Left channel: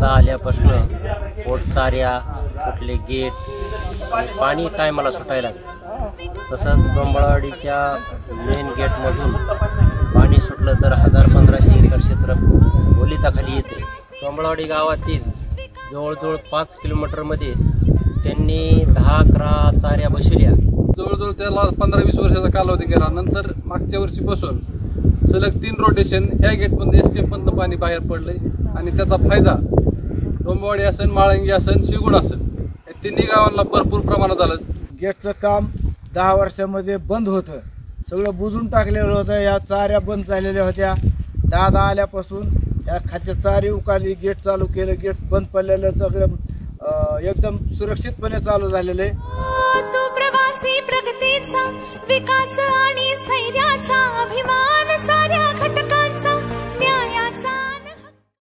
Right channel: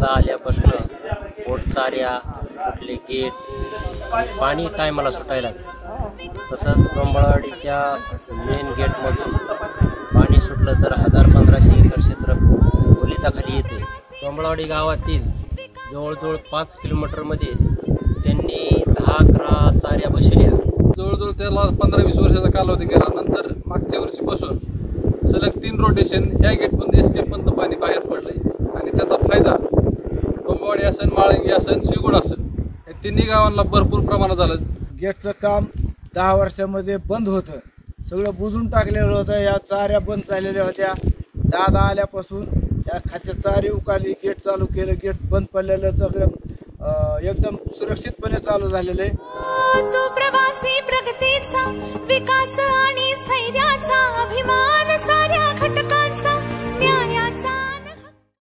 दादा आल्यापासून पोटचाऱ्या कुठले गेट आणि पाणी टायमाला सुटायला, तसंच कंबळवाडीच्या मेन गेटमधून पाणी सुटलं तर 1000-1500 एकर क्षेत्र ओलिताखाली येते। कंबळवाडी गावातील जवळजवळ 5 किलोमीटरमध्ये त्यांनी 10-11 चाऱ्या बसविल्या। जवळजवळ त्याला 15-20 वर्षाचा कालावधी गेला। नंतर मागच्या वर्षीपासून सलग 3 रोटेशन ह्या गेटमधून एस्केपमधून पाणी बाहेर पडलंय आणि त्याचा फायदा कंबळवाडी असेल, माळंगी असेल, शिगुण असेल या तिन्ही गावांना भरपूर प्रमाणात झालं। गेटचं काम 10 वर्षामध्ये बंद होतं, सगळं बुजून टाकलेलं होतं। या चाऱ्या बंद झालेल्या होत्या। दादा आल्यापासून या खालच्या चारी उकाली, गेट चालू केलं, गेट बंद पडलेलं सगळं एकदम सुरक्षितपणे चालू झालेलं आहे। तो प्रवासी प्रगतीचा विकास आणि